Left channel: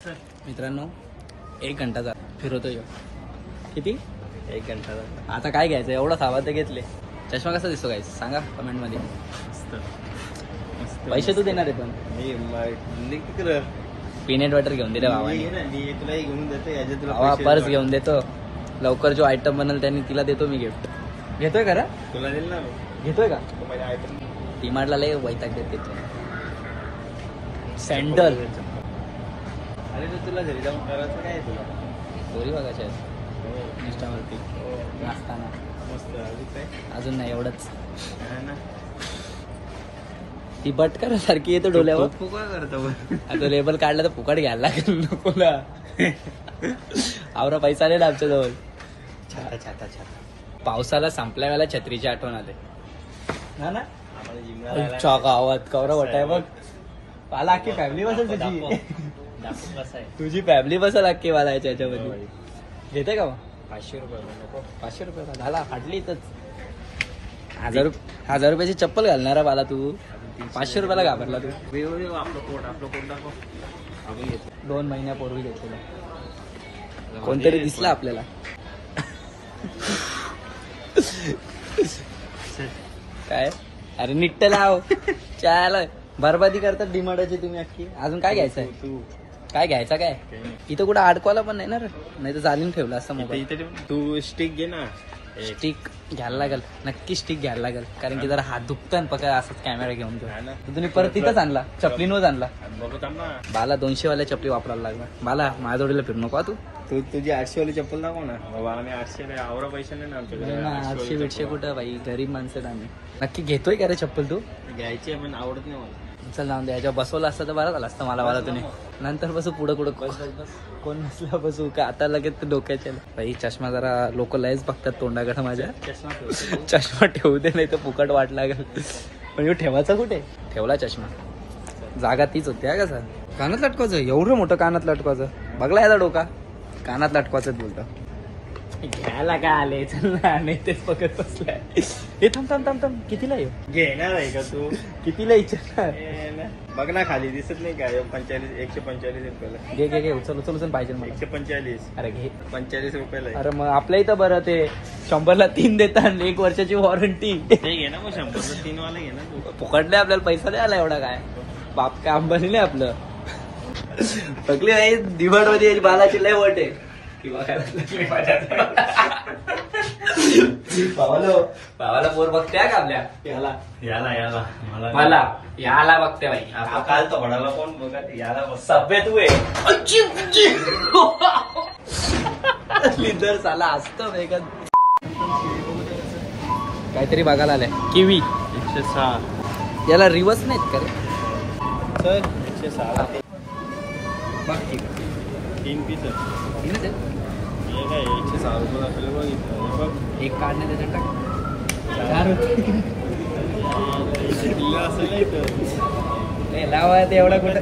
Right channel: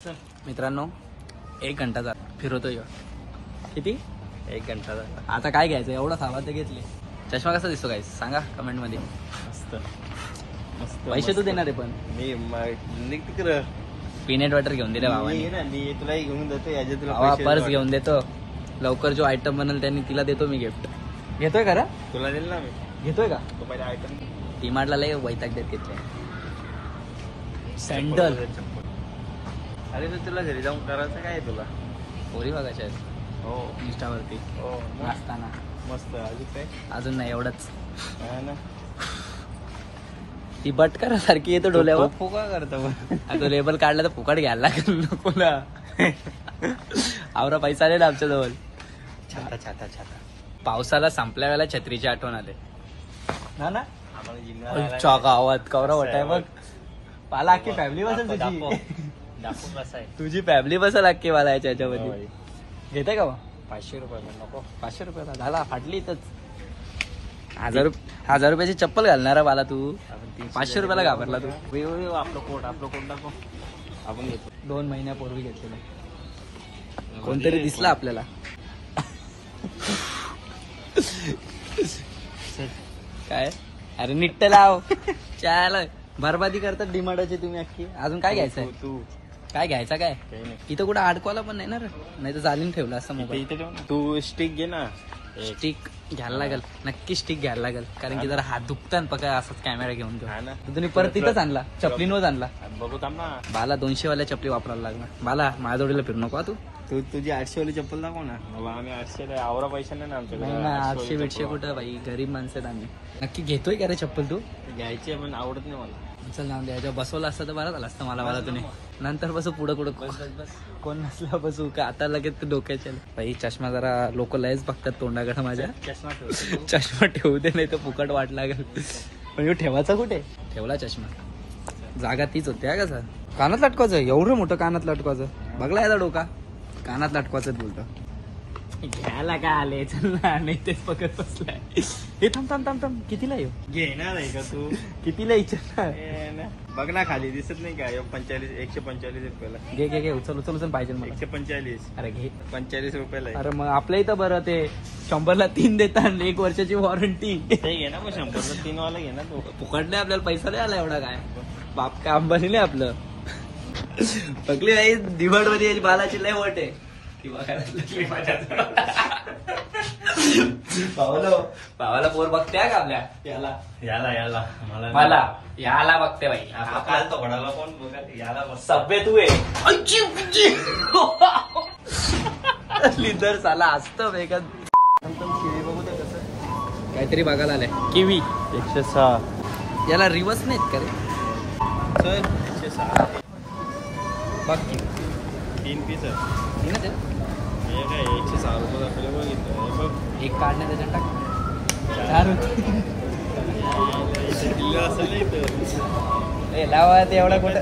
मित्रांनो 1 घंटा फिरवतोय किती 1 घंटा आता काय घ्यायचं एवढं खावा ते घेतले. चष्मा कसा दिसतो काय सांगा कमेंट मध्ये. पैसे तू देणार आहे पण मी पीनट बटर घेऊन दिले भावाने. तुला घेऊन देतो भावा पर्स घेऊन देतो लवकर. जो आयटम बनल त्यांनी तिला देतो मी गिफ्ट. घेतोय का तुला दिल ना घेतोय का आयटम. डीमार्टला लय वैताग देत घेतलं सँडल. अरे तर तुला घरी जाऊन करायचं काय तुला पोरी बघायच्या आहेत हो इंस्टावरती हो नाचताना. मस्त अजून काय अजून नाही एवढंच. ना ती बटकर सारखी येतो डोल्यावर. फुका करतो आता लेबल काढला तर फुकट घ्यायला लागेल नको ना. आवरा पैसा नाही ना आमच्या जवळ. छाता छाता छाता. पावसाला संपल्या वेळेला छत्रीची आठवण आले ना ना. आम्हाला जिमला चा गावात कवरा वाटाय बघ. मला अख्खी फॅमिली बसेल तुझी. तुझी फॅमिली बसेल अख्खी मला याच्यामध्ये. घेते का मग 500 रुपये नको. 500 रुपये झाला फाटली इथंच. 1000 रुपयाची चप्पल घालणारा मला तू 500 रुपयाला घाबरला तू. आपलं कोट दाखव. आपण घेतो 2 महिन्यापूर्वी घेतलेला कोणतरी दिसला आपल्याला. काय अरे निट्ट लाव चाल. बरबादी करतात डिमांडाची तुम्ही अख्खी. अजून काय घ्यायचंय तू काय घ्यायचा काय इथं कुठं अडकवायला पण नाही ना रे. नाही तर चालीन ठेवला असं मोबाईल. तू स्टिक घे ना. स्टिक घ्यायला लागेल नक्की. स्टिक घ्यायला लागेल कारण की जरा हात दुखतात पका असं कॅमेरा घेऊन घेऊन. तुम्ही परत तिथंच आणला चपलीनच आणला. बघू थांब ना. बाला 200 वाल्या चपली वापरायला लागला. बाला माझ्या जोडीला फिरू नको तू. तुझी 800 वाली चप्पल दाखव ना. 800 आवरा पैसा नाही ना आमच्याकडे. 800 बिटशे कुठं बाई गरीब माणसं आम्ही. नक्की घेतोय का रे चप्पल तू. घ्यायची पण आवडत नाही मला. चल जाऊन द्या याच्यावर बसवलं असतं तर बरं झालं असतं मला तुम्ही. नंतर बसू पुढं कोण नसला बसू का आता लगेच ते डोक्याच्या. बाई चष्मा जरा लोक लयच बघतात तोंडाकडे माझ्या. चष्मा ठेवू दे नाही तर फुकट वाट लागेल. पण ह्यो ठेवायचा कुठे ठेवला चष्मा. जागा तीच होती का सर. कानात लटकवायचं एवढं मोठं कानात लटकवायचं बघला याचा डोका. कानात लटकवायचं बोलतो घ्यायला काय आले. चल ना नाही तेच बघत बसलाय. हे थांब थांब थांब थांब कितीला येऊ घेणार आहे का तू. कितीला इच्छा बघ ना खाली दिसत नाही काय. 145 रुपयाला. घे घे घे उचल उचल उचल पाहिजे मला. 145. अरे घे 45 रुपयाला. अरे मग आपल्या इथं बरं ते 100ला 3 देतात 1 वर्षाची वॉरंटी. ते घे ना मग 100ला 3 वाला घे ना तू. फुकटले आपल्याला पैसा नाही आला एवढा काय. बाप काय अंबानी नाही आपलं. पकली नाही दिवाड मध्ये बालाची लय वट आहे किंवा भावाला पोर बघते का आपल्या. याला याला मला याला बघते बाई. काल तो घडाला कोण बघा याला सभ्य तू आहे लिदर साला असतं वेगळं. काहीतरी बघायला आलंय किवी 106. याला रिवर्स नाहीत का रे. सर 106 बघ 3 पीस. हे काय 106 रुपये दाखवले बघ इथं. हे बघ एक काढणे त्याच्यात टाक. इथे दिल्ली असेल ना इथं. लावा ते एवढा कुठं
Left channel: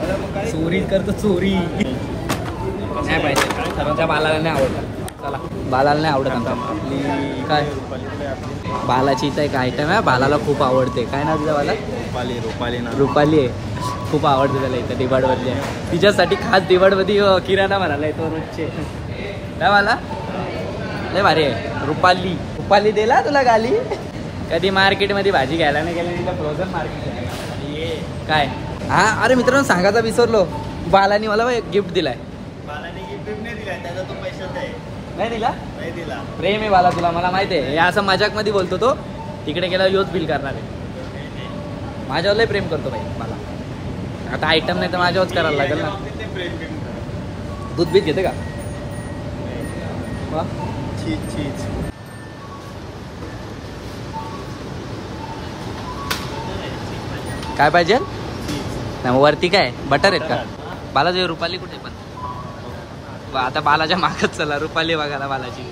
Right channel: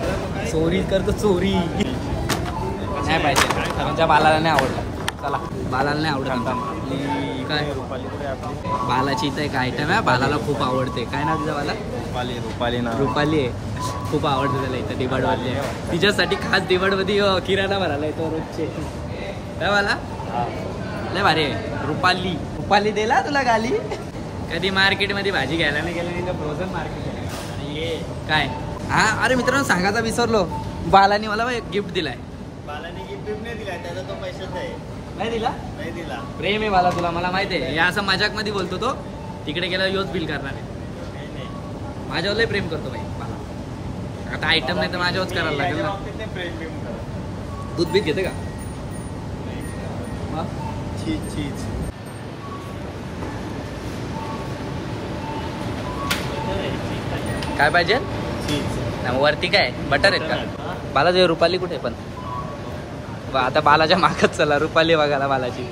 अरे मग काय चोरी करतो चोरी. नाही पाहिजे काय खरं. आमच्या बालाला नाही आवडत. चला बालाला नाही आवडत आमच्या. काय रुपालीकडे आपली बालाची इथं एक आयटम आहे बालाला खूप आवडते. काय नाव तिचं बाला. रुपाली ना रुपाली आहे. खूप आवडते त्याला इथं दिवाड मधली आहे. तिच्यासाठी खास दिवाड मध्ये किराणा भरायला येतो रोजचे. काय मला लय भारी आहे रुपाली दिला तुला गाली. कधी मार्केट मध्ये भाजी घ्यायला नाही गेला तिला फ्रोझन मार्केट. काय हा अरे मित्रांनो सांगायचा विसरलो. बालानी मला गिफ्ट दिलाय. बालानी गिफ्ट नाही दिला त्याचा तो पैशाच आहे. नाही दिला. नाही दिला. प्रेम आहे बाला तुला मला माहिती आहे. हे असं मजाक मध्ये बोलतो तो. तिकडे गेला योच बिल करणार आहे. माझ्यावर लय प्रेम करतो बाई मला. आता आयटम नाही तर माझ्यावरच करायला लागेल ना. दूध बीत घेते का चीज काय पाहिजे चीज. वरती काय बटर आहेत का. बाला ते रुपाली कुठे पण. आता बालाच्या मागच चला रुपाली बघायला. बालाची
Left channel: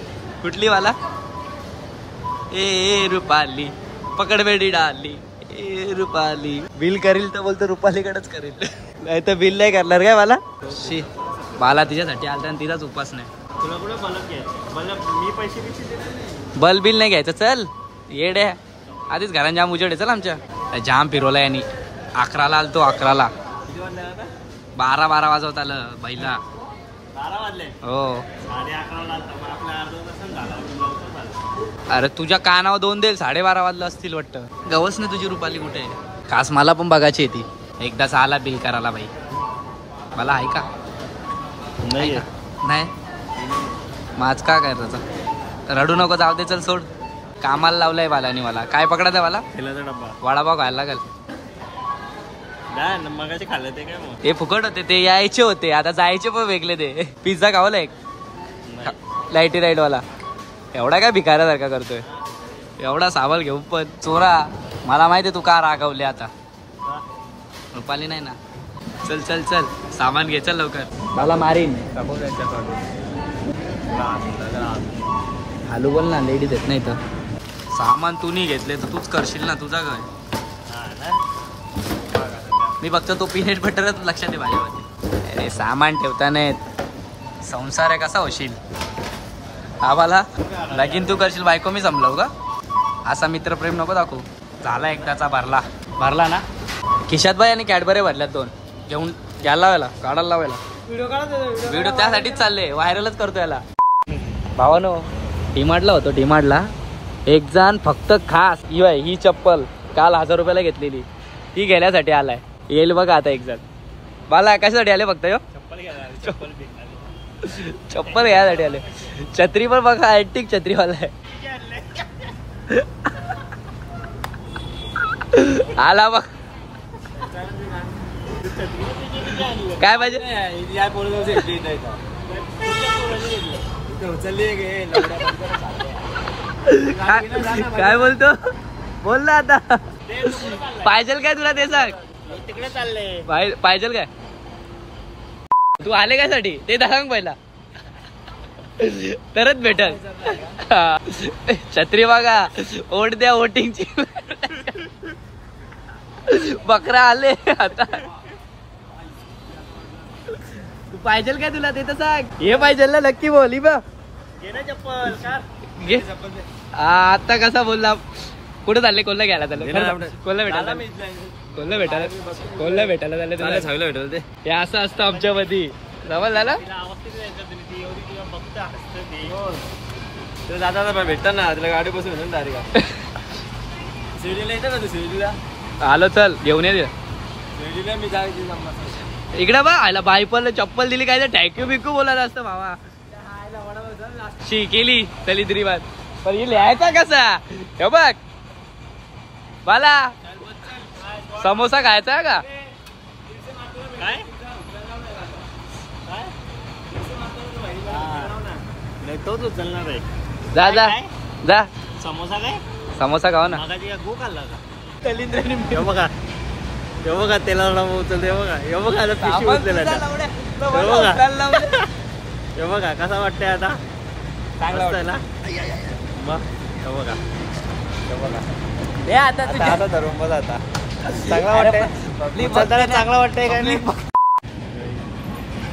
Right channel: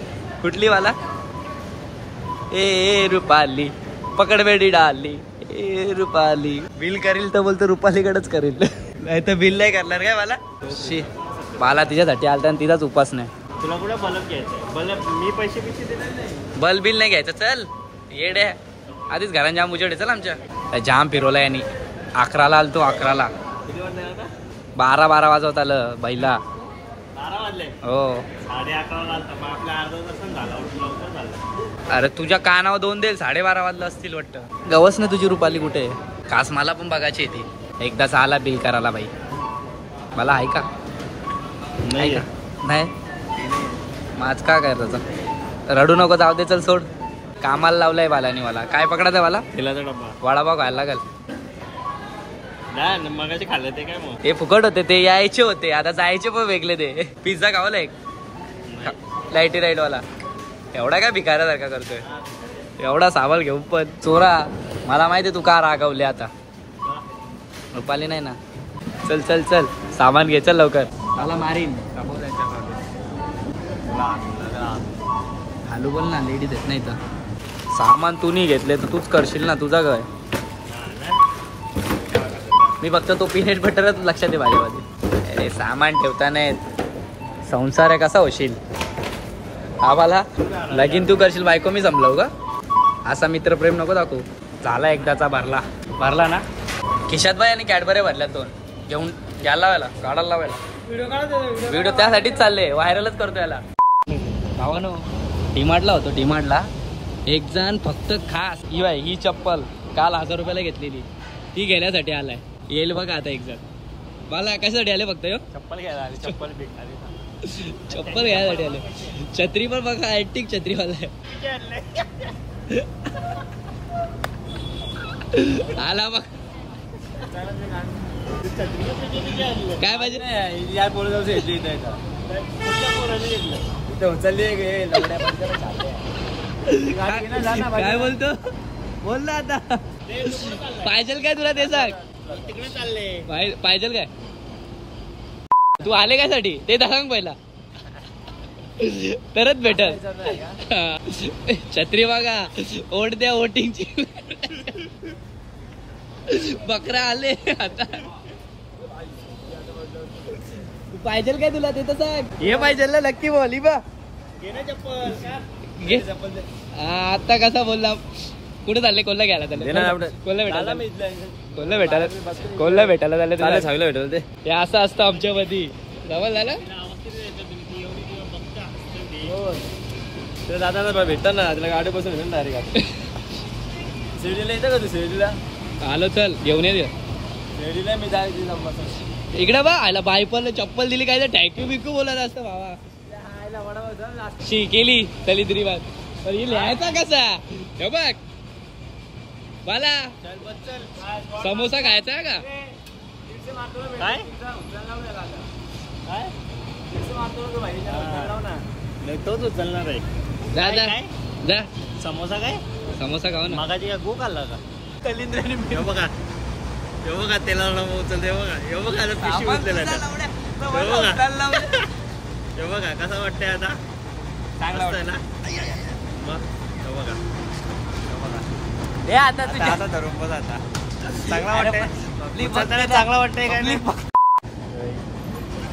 कुठली बाला. ए रुपाली पकड बेडी डाली. ए रुपाली बिल करील तर बोलतो रुपालीकडेच करील. नाही तर बिल नाही करणार काय बाला. बाला तिच्यासाठी आलता आणि तिचाच उपास नाही. तुला कुठे बल्ब घ्यायचं. बल्ब मी पैसे दिले नाही. बल्ब बिल नाही घ्यायचं. चल येडे आधीच घरात जाम उजेड आहे. चल आमच्या जाम फिरवला यांनी. 11ला आलतो 11ला. किती वाजता आता 12 वाजवत आलं बैला. 12 वाजले. हो 11:30 आलता मग आपला अर्धा तास झाला लवकर झाला. अरे तुझ्या कानावर 2 देईल 12:30 वाजलं असतील वाटतं. गवस ना तुझी रुपाली कुठे आहे? खास मला पण बघायची ती एकदाच आला बिल करायला बाई. मला आहे का नाही नाही माझ का काय त्याचा. रडू नको जाऊ दे चल सोड. कामाला लावलंय बालानी मला. काय पकडायचं मला? तेलाचा डब्बा वडापाव खायला लागल. मगाशी खाल्लं ते काय मग हे फुकट होते ते यायचे होते आता जायचे पण वेगळे ते. पिझ्झा खावला एक लाईटी राईट वाला. एवढा काय भिकाऱ्यासारखा करतोय एवढा सावल घेऊन पण चोरा. मला माहिती तू का रागवले आता. रुपाली नाही ना. चल चल चल सामान घे चल लवकर. मला मारीन हालू बोल ना. लेडीज आहेत नाही तर सामान तू नाही घेतले तर तूच करशील ना. तुझा काय मी फक्त तो पीनट बटरच लक्षात आहे माझ्यामध्ये. अरे सामान ठेवता नाहीत. संसार आहे कसा होशील. आम्हाला लगीन तू करशील बायको मी जमलव का. असा मित्रप्रेम नको दाखवू. झाला एकदाचा भरला भरला ना. खिशात बाई आणि कॅडबरे भरल्यात 2 घेऊन घ्यायला लावायला गाडाला लावायला. व्हिडिओ त्यासाठीच चालले व्हायरलच करतो याला. भावानो डीमार्टला होतो. डीमार्टला एक जण फक्त खास ही चप्पल काल 1000 रुपयाला घेतलेली ती घेण्यासाठी आलाय. येईल बघा आता एक जण. मला कशासाठी आले फक्त चप्पल घ्यायला चप्पल घ्यायसाठी आले. छत्री पण बघा ऍक्टिक छत्रीवाला आहे. आला बघ काय पाहिजे. काय बोलतो बोल ना आता. पाहिजे काय तुला ते सांग. तिकडे चालले पाहिजे काय. तू आले काय साठी ते सांग पहिला तरच भेटल. छत्री बघा ओट द्या वोटिंगची. बकरा आले आता. पाहिजे काय तुला ते तर सांग. हे पाहिजे ना नक्की बोल. बघ चप्पल आता कसा बोलला. कुठे चालले कोल्हा घ्यायला चालले. कोल्हा भेटायला चालले तुला भेटल ते. हे असं असतं आमच्या मध्ये जवळ झालं. दादा भेटता ना तिला गाडी बसून भेटून शिर्डीला येतं का तू. शिर्डीला आलो चल घेऊन ये. शिर्डीला मी जायची इकडे बा आयला बायपल चप्पल दिली काय तर थँक्यू बिक्यू बोलायला असतं भावा. शी केली चली तरी बात. पण ही लिहायचा कसा हे बघ. बाला समोसा खायचा का काय तोच उचलणार आहे. जा जा जा समोसा काय समोसा खावा ना. मागाची का गो खाल्ला का तलिंद्राने. हे बघा हे बघा तेला उचलते. हे बघा हे बघा हे बघा कसा वाटतंय आता. चांगला वाटतंय ना मग. हे बघा हे बघा हे आता आता धरून बघ आता. चांगला वाटतंय चांगला वाटतंय काय नाही.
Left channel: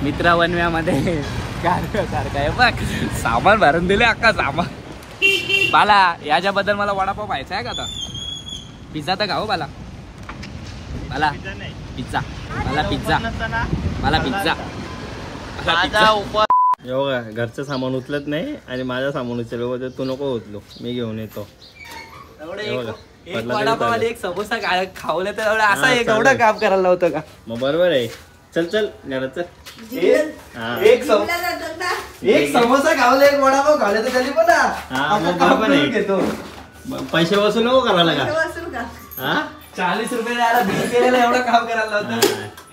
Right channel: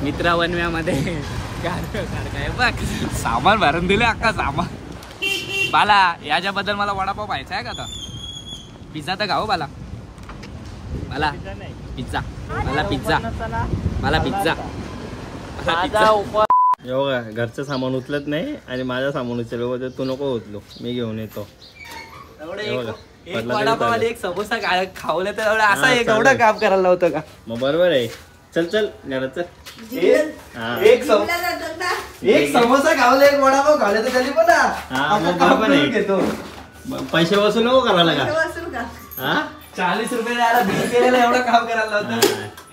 मित्रा वनव्यामध्ये बघ सामान भरून दिले अक्का सामान. बाला याच्याबद्दल मला वडापाव पाहायचा आहे का आता. पिझ्झा तर खाऊ बाला. मला पिझ्झा मला पिझ्झा मला पिझ्झा मला पिझ्झा. हे बघा घरचं सामान उचलत नाही आणि माझं सामान उचल तू नको उचलो मी घेऊन येतो. एक वडापाव आणि एक समोसा खावलं तर असं एवढं काम करायला होतं का. मग बरोबर आहे. चल चल घरात चल. एक समोसा खावला एक वडापाव खावले तर त्याली पण बरोबर आहे. पैसे वसूल नको करायला का. 40 रुपये बिल केलेलं एवढं काम करायला होतं.